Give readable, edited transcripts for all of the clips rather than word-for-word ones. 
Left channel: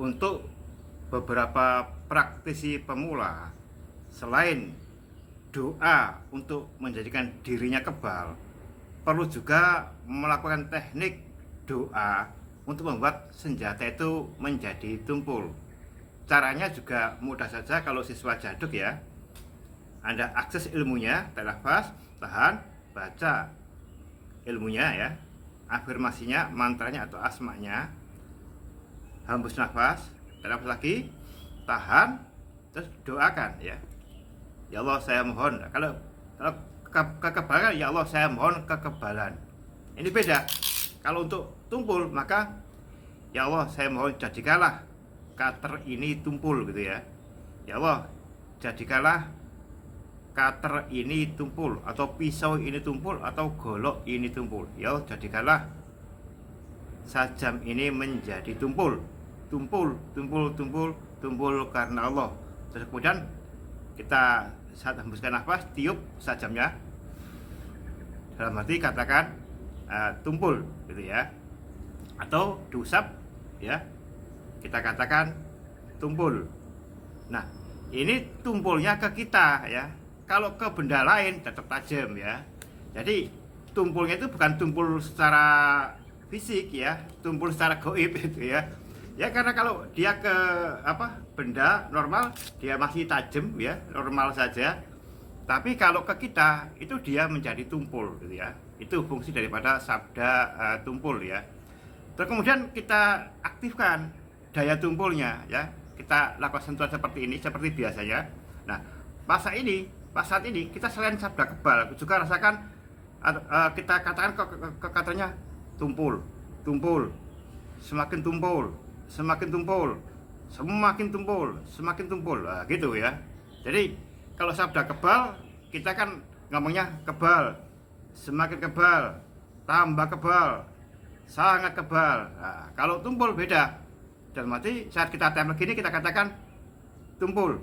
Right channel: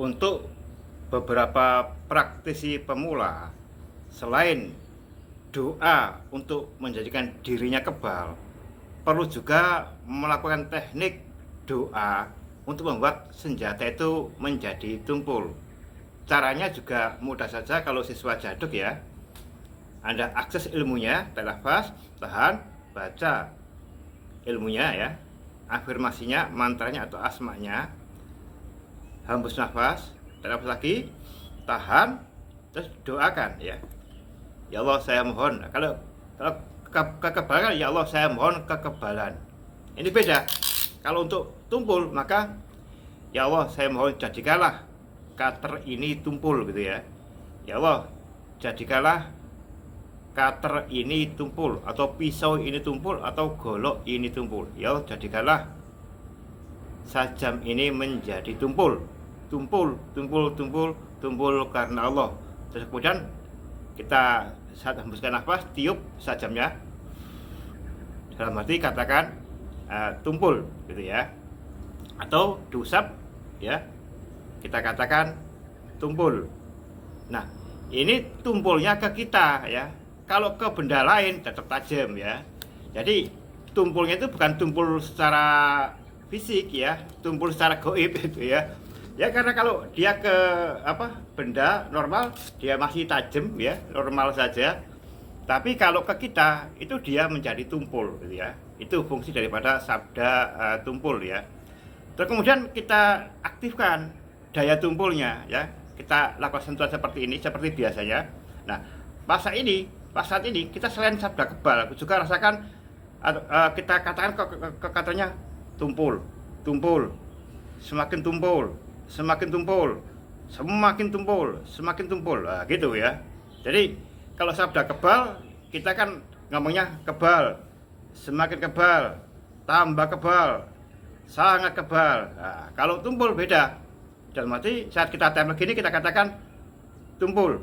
Untuk beberapa praktisi pemula, selain doa untuk menjadikan dirinya kebal, perlu juga melakukan teknik doa untuk membuat senjata itu menjadi tumpul. Caranya juga mudah saja kalau siswa jaduk ya. Anda akses ilmunya, telafaz, tahan, baca ilmunya ya, afirmasinya, mantranya atau asmanya, hembus nafas, telafaz lagi, tahan, terus doakan ya. Ya Allah saya mohon. Kalau kekebalan, ya Allah saya mohon kekebalan. Ini beda. Kalau untuk tumpul maka ya Allah saya mohon jadikanlah cutter ini tumpul gitu ya. Ya Allah jadikanlah cutter ini tumpul, atau pisau ini tumpul, atau golok ini tumpul. Ya Allah jadikanlah sajam ini menjadi tumpul. Tumpul, tumpul, tumpul, tumpul karena Allah. Terus kemudian kita saat hembuskan nafas, tiup sajamnya, dalam arti katakan tumpul gitu ya, atau diusap ya, kita katakan tumpul. Nah ini tumpulnya ke kita ya, kalau ke benda lain tetap tajam ya. Jadi tumpulnya itu bukan tumpul secara fisik ya, tumpul secara goib itu ya. Ya karena kalau dia ke benda normal dia masih tajam ya, normal saja. Tapi kalau ke kita itu dia menjadi tumpul gitu ya. Itu fungsi daripada sabda tumpul ya. Terus kemudian kita aktifkan daya tumpulnya ya. Kita lakukan sentuhan seperti ini, seperti biasanya. Nah, pas saat ini kita selain sabda kebal juga rasakan kita katakan ke katanya tumpul, tumpul, semakin tumpul, semakin tumpul, semakin tumpul, semakin tumpul, nah, gitu ya. Jadi kalau sabda kebal kita kan ngomongnya kebal, semakin kebal, tambah kebal, sangat kebal. Nah, kalau tumpul beda. Dalam arti saat kita tempel gini kita katakan tumpul,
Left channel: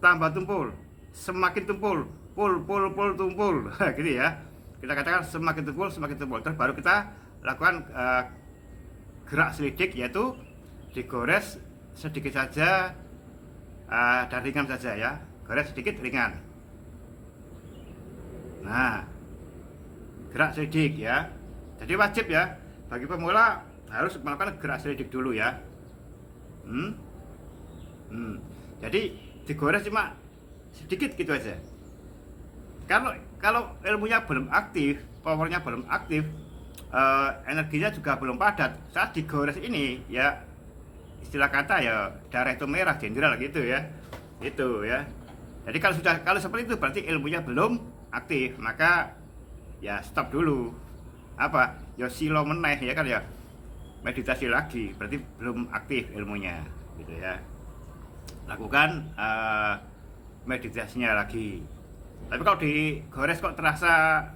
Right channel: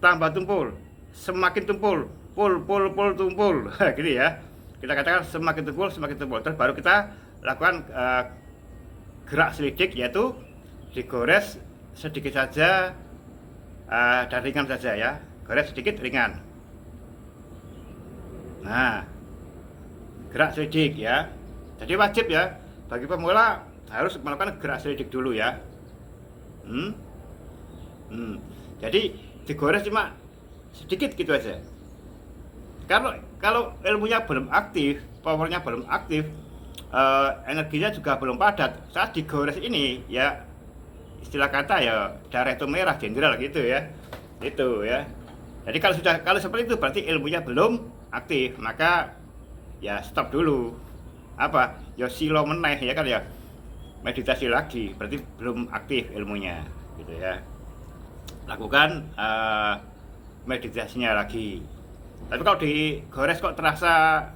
tambah tumpul, semakin tumpul, pul tumpul, gitu ya. Kita katakan semakin tumpul, semakin tumpul. Terus baru kita lakukan gerak selidik, yaitu digores sedikit saja dan ringan saja ya, gores sedikit ringan. Nah, gerak selidik ya. Jadi wajib ya bagi pemula harus melakukan gerak selidik dulu ya. Jadi digores cuma sedikit gitu aja. Kalau ilmunya belum aktif, powernya belum aktif, energinya juga belum padat, saat digores ini ya, istilah kata ya darah itu merah jenderal gitu ya, itu ya. Jadi kalau seperti itu berarti ilmunya belum aktif, maka ya stop dulu. Ya silo meneh ya kan ya, meditasi lagi, berarti belum aktif ilmunya gitu ya. Lakukan meditasinya lagi. Tapi kalau digores kok terasa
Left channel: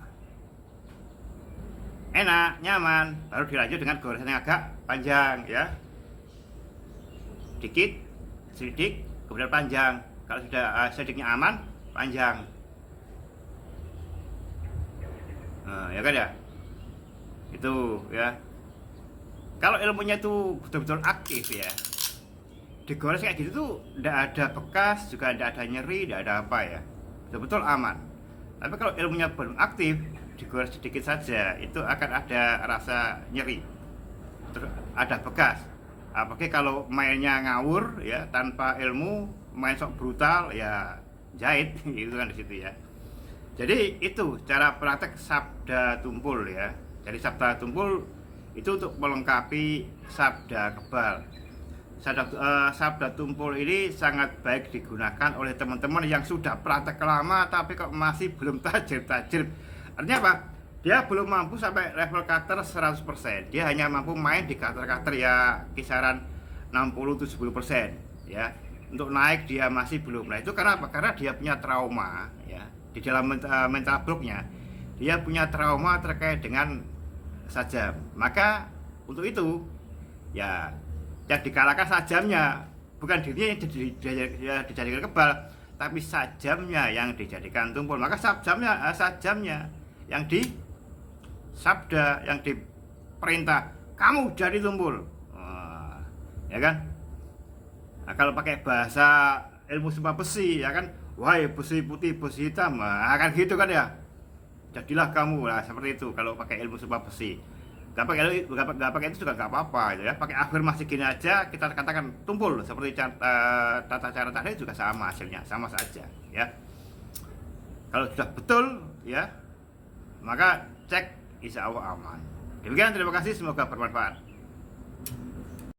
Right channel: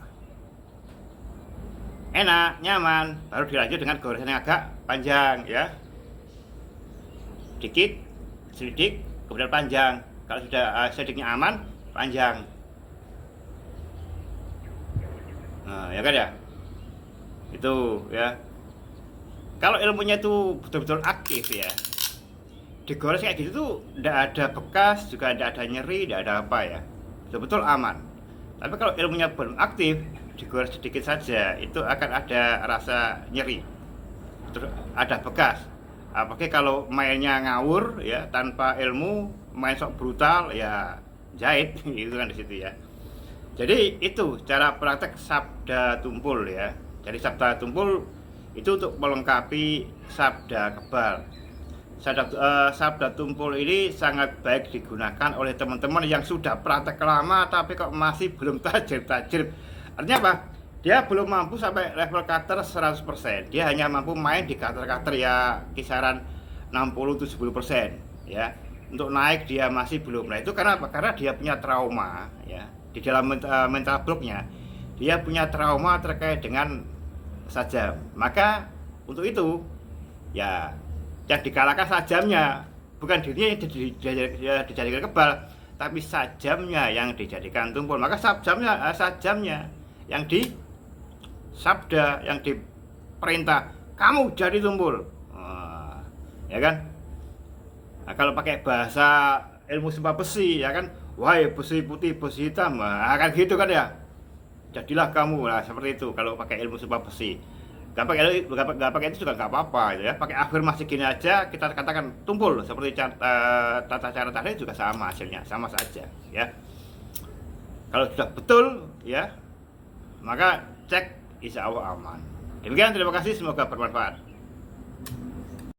enak, nyaman, baru dilanjut dengan goresan yang agak panjang ya. Dikit, selidik, kemudian panjang. Kalau sudah selidiknya aman, panjang. Nah, ya kan ya? Itu ya. Kalau ilmunya itu betul-betul aktif ya, digores kayak gitu tuh tidak ada bekas, juga tidak ada nyeri, tidak ada apa ya, betul-betul aman. Tapi kalau ilmunya belum aktif, digores sedikit saja itu akan ada rasa nyeri, terus ada bekas. Apalagi kalau mainnya ngawur ya, tanpa ilmu, main sok brutal ya, jahit itu kan di situ ya. Jadi itu cara praktek sabda tumpul ya. Jadi sabda tumpul itu untuk melengkapi sabda kebal. Sabda tumpul ini sangat baik digunakan oleh teman-teman yang sudah praktek lama tapi kok masih belum tajir-tajir. Artinya apa? Dia belum mampu sampai level cutter 100%. Dia hanya mampu main di cutter-cutter ya kisaran 60-70% ya. Untuk naik dia masih belum. Nah itu karena apa? Karena dia punya trauma ya. Di dalam mental blocknya dia punya trauma terkait dengan sajam. Maka untuk itu ya yang dikalahkan sajamnya, bukan dirinya yang dijadikan kebal, tapi sajamnya yang dijadikan tumpul. Maka sajamnya yang disabda, yang diperintah kamu jadi tumpul. ya kan? Nah, kalau pakai bahasa ilmu sumpah besi, ya kan, wahai besi putih besi hitam, nah, kan gitu kan ya, jadilah kamu lah seperti itu. Kalau pakai ilmu sumpah besi, nggak pakai itu juga nggak apa-apa gitu ya. Pakai afirmasi gini aja, kita katakan tumpul seperti tata cara tadi juga sama, hasilnya sama saja ya. Kalau sudah betul ya, maka cek, insya Allah aman. Demikian, terima kasih, semoga bermanfaat.